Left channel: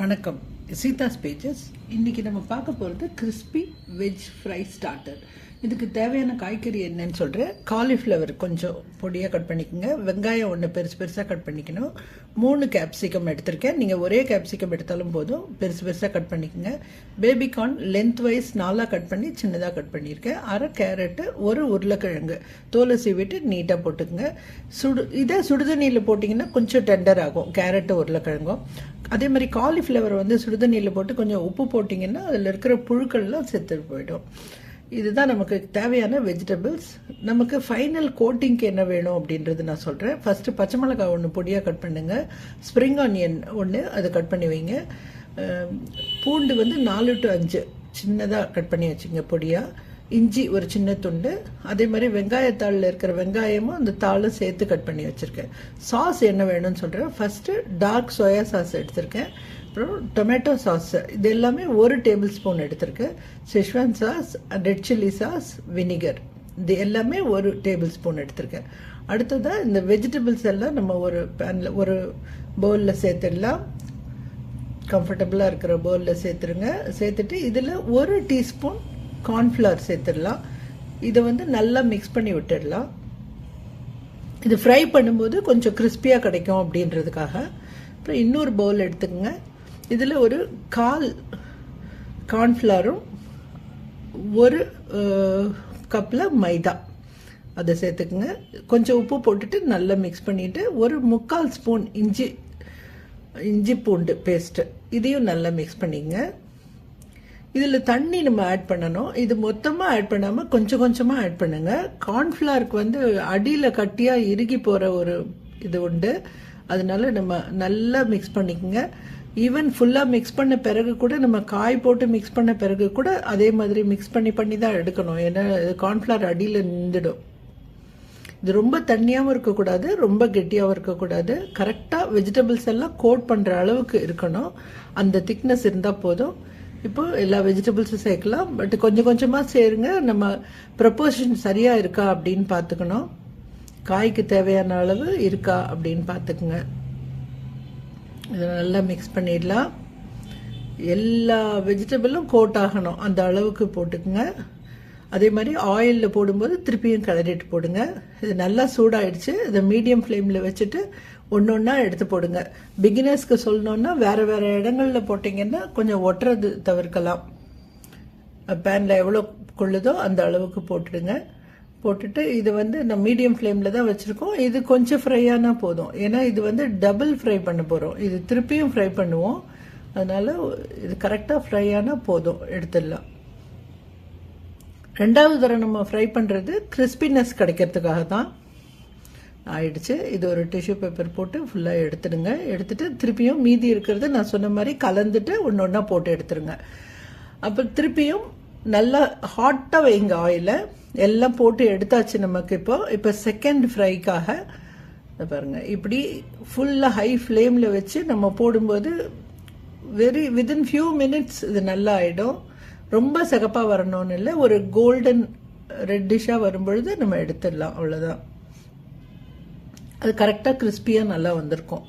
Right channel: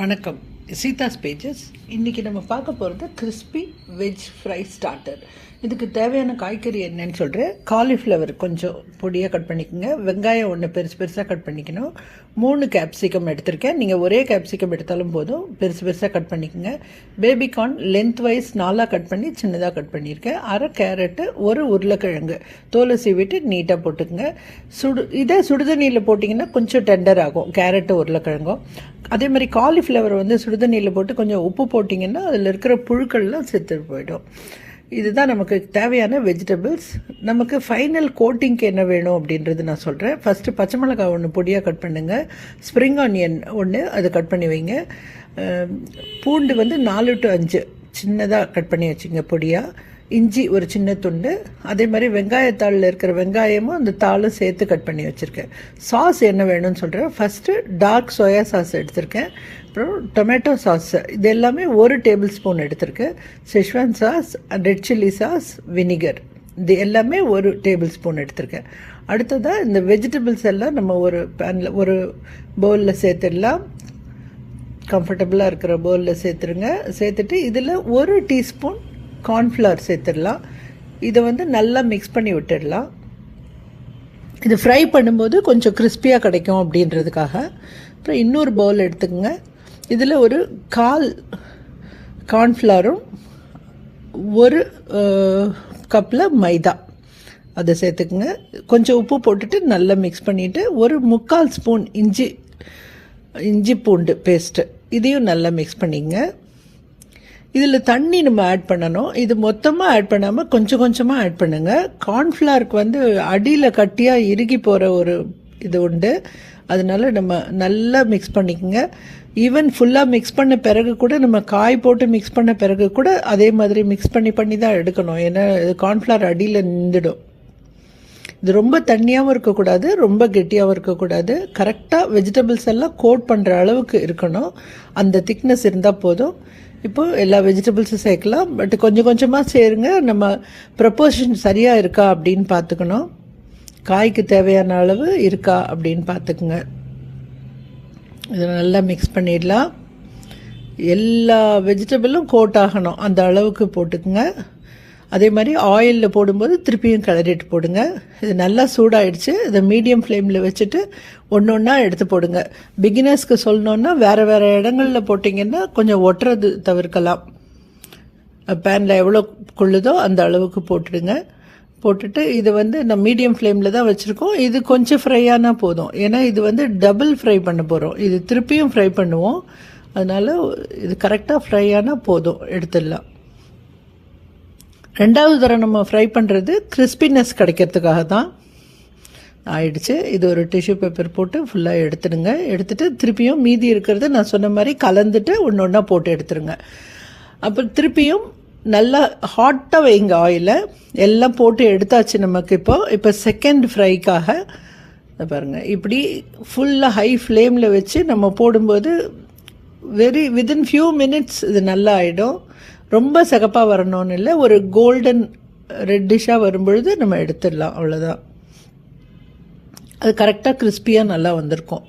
வணக்கம். சீதா ஸ்பேஜஸ் இன்றைக்கி நம்ம பார்க்க போகிறது கிறிஸ்பி வெஜ் ஃப்ரை ஸ்டார்டர் இதுக்கு தேவையான காய்கறி என்னன்னு சொல்கிறேன் காலிஃப்ளவர் கொஞ்சம் பொடியாக கட் பண்ணிக்கோங்க. வெங்காயம் ஒன்று பெருசு பெருசாக கட் பண்ணிக்கணும். மூணு கேப்சிகம் எடுத்திருக்கேன். நீங்கள் ஒரே கேப்சிகம் எடுத்தாலும் போதும். பெருசு பெருசாக கட் பண்ணிக்கோங்க. பேபிகார்ன் லென்த் வைஸ் நாலாக கட் பண்ணி சின்னதாக கட் பண்ணியிருக்கேன். அரை கேரட்டு ஒரு உருளைக்கிழங்கு. தோலை சீவிட்டு நீட்டாக போட்டுக்கோங்க. சுடு இதே சுடுதண்ணியில் போட்டிங்கன்னா கொஞ்சம் டெண்டர் ஆகும். கேரட்டு உருளைக்கிழங்கும். அதே மாதிரி காலிஃப்ளவர் வந்து சுடுதண்ணியில் போட்டு கொஞ்சம் உப்பு போட்டிங்கன்னா அதில் இருக்கிற புழுக்கள்லாம் செத்து போயிடும். இதுதான் நமக்கு தேவையான வெஜிடபிள்ஸ் நமக்கு ஃபைனல் கோட்டிங்க்கு என்ன வேணும் அப்படின்றது நான் சொல்கிறேன் ஃபஸ்ட்டு பச்சை மிளகாய் ஒன்று பொடியாக கட் பண்ணுங்கள் ஸ்ப்ரிங் ஆனியன் ஒன்று அதை கட் பண்ணி வைங்க. பூண்டு வந்து நாலு டு அஞ்சு சின்னதாக கட் பண்ணி வச்சுங்க பொடியாக இஞ்சி ஒரு சின்ன துண்டு அதே மாதிரி வெங்காயத்தாளில் இருக்கிற வெங்காயமும் அந்த தாளும் சேர்த்து கட் பண்ணி வச்சுருக்கேன். சாஸ் என்ன வேணும்னு சொல்கிறேன் ஃபஸ்ட்டு டார்க் சோயா சாஸ் எடுத்திருக்கேன். அப்புறம் டொமேட்டோ சாஸ் இது எல்லாமே ஒரு டேபிள் ஸ்பூன் எடுத்திருக்கேன். Schezwan sauce red chilli sauce vinegar இது எல்லாமே ஒரு டேபிள் ஸ்பூன் எடுத்திருக்கேன். அடுத்ததாக இந்த வெஜிடபிள்ஸ் எல்லாம் நம்ம ஒரு பேனில் ஒரு பவுலில் சேர்த்துடலாம். கம்ஃபர்டபுளாக இருக்கிற பவுலில் சேர்த்துருங்க. சேர்த்துட்டு இதில் ஒரு டீஸ்பூன் கார்ன்ஃப்ளவர் சேர்த்துடலாம். இதை வந்து நல்லா மிக்ஸ் பண்ணி விட்டுடலாம். இது ஃப்ரை பண்ணும்போது கொஞ்சம் கிறிஸ்பியாக கிடைக்கும் அப்படின்றதுக்காக. அப்புறம் இன்னொரு பவுல் எடுத்துக்கோங்க. இதில் ஒரு கால் கார்ன்ஃப்ளவரும் ஒரு கப்பில் மைதா. அதை சேர்த்துக்குங்க. கொஞ்சம் உப்பு போட்டுட்டு நல்லா மிக்ஸ் பண்ணிவிட்டு ஒரு முக்கால் ஸ்பூன் இஞ்சி இஞ்சி பூண்டு பேஸ்ட்டு இதையும் நல்லா மிக்ஸ் பண்ணிங்க இதில் தண்ணி நம்ம ஆட் பண்ணணும். இது மொத்தமாக ஆட் பண்ணாமல் கொஞ்சம் கொஞ்சமாக ஆட் பண்ணுங்கள் கார்ன்ஃப்ளவருக்கு வந்து அடியில் கட்டியாக இறுகி போகிற ஒரு இது உண்டு. அதனால நம்ம நல்லா மிக்ஸ் பண்ணிக்கோங்க. ஈவன் ஃபுல்லாக மிக்ஸ் பண்ண பிறகு கூட நம்ம காய் போட்டு மிக்ஸ் பண்ண பிறகு கூட அதே மாதிரி மிக்ஸ் பண்ணி பண்ணி தான் எடுக்கணும். ஏன்னா கார்ன்ஃப்ளவர் அடியில் நின்றுடும். இது ரொம்ப தண்ணியாகவும் இருக்கக்கூடாது ரொம்ப கெட்டியாகவும் இருக்கக்கூடாது. கரெக்டாக வெஜிடபிள்ஸ் எல்லாம் கோட் பண்ணுற அளவுக்கு இருக்கணும். அந்த திக்னஸ் இருந்தால் போதும். இப்போ எல்லா வெஜிடபிள்ஸும் சேர்க்கலாம். பட் கொஞ்சம் கொஞ்சமாக சேருங்க. நம்ம ப்ரப்போர்ஷன் சரியாக இருக்கா அப்படின்னு பார்த்துக்கணும். காய்க்கு தேவையான அளவு இருக்கா அப்படின்னு பார்த்துக்குங்க. இதை நல்லா மிக்ஸ் பண்ணிடலாம். எல்லா வெஜிடபிளும் கோட் ஆகணும். அந்த அளவுக்கு போட்டுக்குங்க. அதே மாதிரி ஆயிலில் போடும்போது திருப்பியும் கிளறிட்டு போடுங்க. இது நல்லா சூடாயிடுச்சு. இதை மீடியம் ஃப்ளேமில் வச்சுட்டு ஒன்று ஒன்றா எடுத்து போடுங்க. பிகினர்ஸ்க்கு சொல்லணுன்னா வேறு வேறு இடங்களில் போட்டிங்கன்னா கொஞ்சம் ஒட்டுறது தவிர்க்கலாம். பேனில் எவ்வளோ கொள்ளுதோ அந்த அளவுக்கு போட்டுடுங்க. போட்டுட்டு இது வந்து நம்ம மீடியம் ஃப்ளேமில் தான் வச்சுருக்கோம். இது கொஞ்சம் ஃப்ரையானா போதும். ஏன்னா இது வந்து டபுள் ஃப்ரை பண்ண போகிறோம் இது திருப்பியும் ஃப்ரை பண்ணுவோம். அதனால் இது கரெக்டாக ஃப்ரை ஆனால் போதும். எடுத்துடலாம். ரெண்டாவது தரம் நம்ம ஃப்ரை பண்ணுறது கிறிஸ்பினஸ் கிடைக்கிறதுக்காக தான் ஆயிடுச்சு. இது ஒரு டிஷ்யூ பேப்பர் போட்டு ஃபுல்லாக எடுத்துடுங்க. எடுத்துட்டு திருப்பியும் மீதி இருக்கிறது நான் சொன்ன மாதிரி கலந்துட்டு ஒன்று ஒன்றா போட்டு எடுத்துருங்க அப்புறம் திருப்பியும் நல்லா ஹாட்டாக வைங்க ஆயிலை எல்லாம் போட்டு எடுத்தாச்சு நமக்கு இப்போ. இப்போ செகண்ட் ஃப்ரைக்காக பாருங்கள் இப்படி ஃபுல்லாக ஹை ஃப்ளேமில் வச்சு நம்ம போடும்போது வெரி வித்தின் ஃபியூ மினிட்ஸ் இது நல்லா ஆகிடும் ரொம்ப சிகப்பாக வரணும்னு இல்லை ஒரு கோல்டன் ரெட்டிஷாக வரும்பொழுது நம்ம எடுத்துடலாம் அவ்வளோதான் அது கரெக்டாக கிறிஸ்பியாக நல்லா வந்திருக்கும்.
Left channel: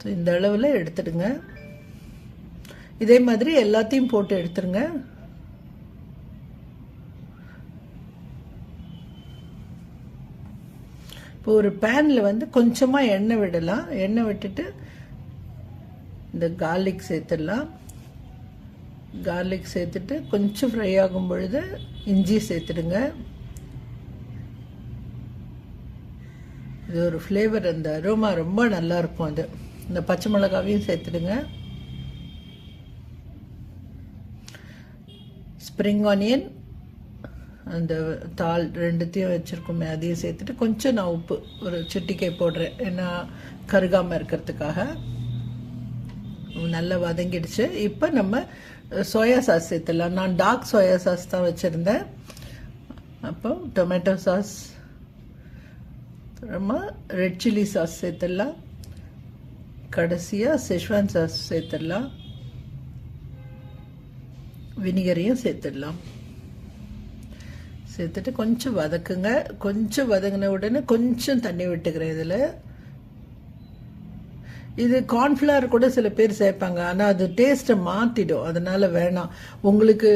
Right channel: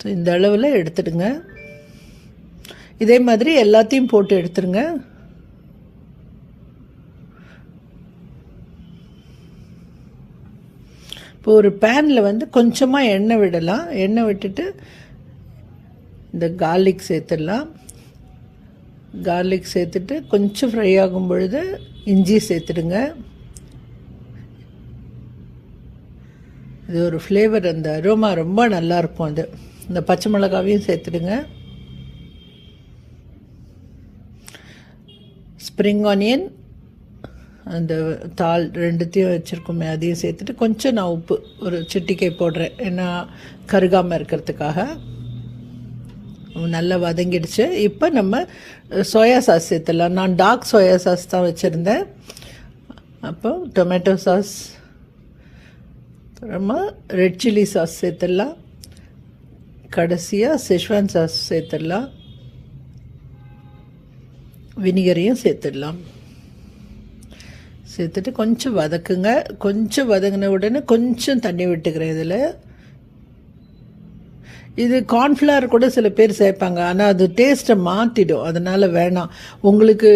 ஸோ இந்த அளவில் எடுத்துடுங்க. இதே மாதிரி எல்லாத்தையும் போட்டு எடுத்துருங்க இப்போ ஒரு பேனில் வந்து கொஞ்சமாக எண்ணெய் விடலாம். எண்ணெய் விட்டுட்டு இந்த கார்லிக் சேர்த்துடலாம். கார்லிக் சேர்த்துட்டு கொஞ்சம் ஃப்ரை ஆகும் பொழுது இஞ்சி சேர்த்துடுங்க. இது ஒரு ஃப்ளேவர் அந்த அரோமா ரொம்ப நல்லாயிருக்கும் அது. இந்த பச்சை மிளகாவையும் சேர்த்துடுங்க. ஸ்ப்ரிங் ஆனியன் அந்த தாள் ரெண்டுத்தையும் வச்சுருக்கோமே அதையும் சேர்த்துட்டு கொஞ்சம் நான் உப்பு ஒரு சிட்டிக்கை போடுறேன். ஏன்னா கருகாமல் இருக்கிறதுக்காக. நல்லா வதங்கிடுச்சு. இப்போ நம்ம சோயா சாஸ் சேர்த்துடலாம். நான் டார்க் சோயா சாஸ் தான் வச்சுருந்தேன். அப்போ டொமேட்டோ சாஸ் அப்புறமா ரெட் சில்லி சாஸ் சேர்த்துடலாம். கடைசியாக செஷ்வான் சாஸ் சேர்த்துடலாம். வினிகரையும் சேர்த்துடலாம். சேர்த்துட்டு கொஞ்சம் வதக்குங்க. கொஞ்சம் வதங்கின உடனே கொஞ்சம் தண்ணி விட்டுக்கிறேன் இதில். இது கார்ன்ஃப்ளவர் கூட சில பேர் சேர்ப்பாங்க. ஆனால் அது டேஸ்ட்டை மாற்றிடும் அதனால் வேணாம். உங்களுக்கு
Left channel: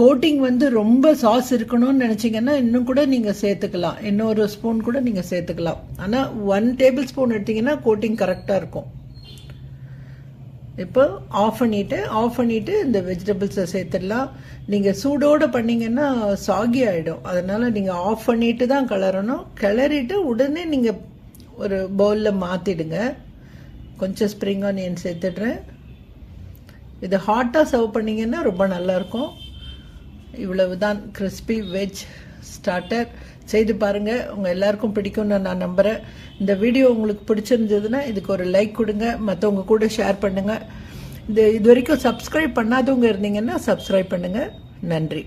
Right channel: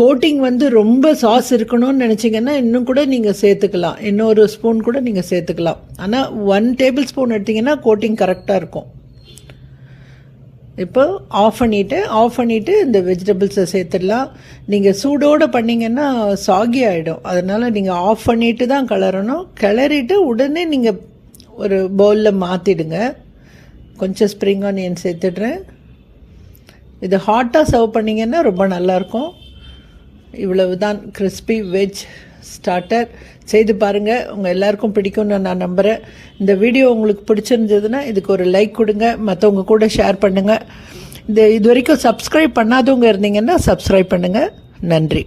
கோட்டிங் வந்து ரொம்ப சாஸ் இருக்கணும்னு நினச்சிங்கன்னா இன்னும் கூட நீங்கள் சேர்த்துக்கலாம். இன்னொரு ஸ்பூன் கூட நீங்கள் சேர்த்துக்கலாம். ஆனால் ஒன் டேபிள் ஸ்பூன் எடுத்திங்கன்னா கோட்டிங் கரெக்டாக இருக்கும். இப்போ ஆஃப் பண்ணிவிட்டு ஆஃப் பண்ணிவிட்டு இந்த வெஜிடபிள்ஸை சேர்த்துடலாம். நீங்கள் சூடோடு பண்ணிங்கன்னா சாகி ஆகிடும் அதனால் நீங்கள் ஆஃப் பண்ணிவிட்டு தான் கிளறணும். கிளறிட்டு உடனே நீங்கள் ஒரு பவுலில் மாற்றிடுங்க கொஞ்சம் ஸ்ப்ரிங் ஆனியன் சேர்த்துடுறேன். இது ஹாட்டாக சர்வ் பண்ணிங்கன்னா ரொம்ப நல்லாயிருக்கும். இவ்வளவு தான் கிறிஸ்பி வெஜ் ஸ்டார்டர் செய்து பாருங்கள் உங்கள் எல்லாருக்கும் பிடிக்கும்னு நான் நம்புகிறேன் இந்த வீடியோ உங்களுக்கு பிடிச்சிருந்ததுன்னா இதுக்கு ஒரு லைக் கொடுங்க. மற்றவங்க கூட ஷேர் பண்ணுங்கள் இந்த இது வரைக்கும் சப்ஸ்கிரைப் பண்ணாதவங்க இருந்தீங்கன்னா சப்ஸ்கிரைப் பண்ணுங்கள் நன்றி.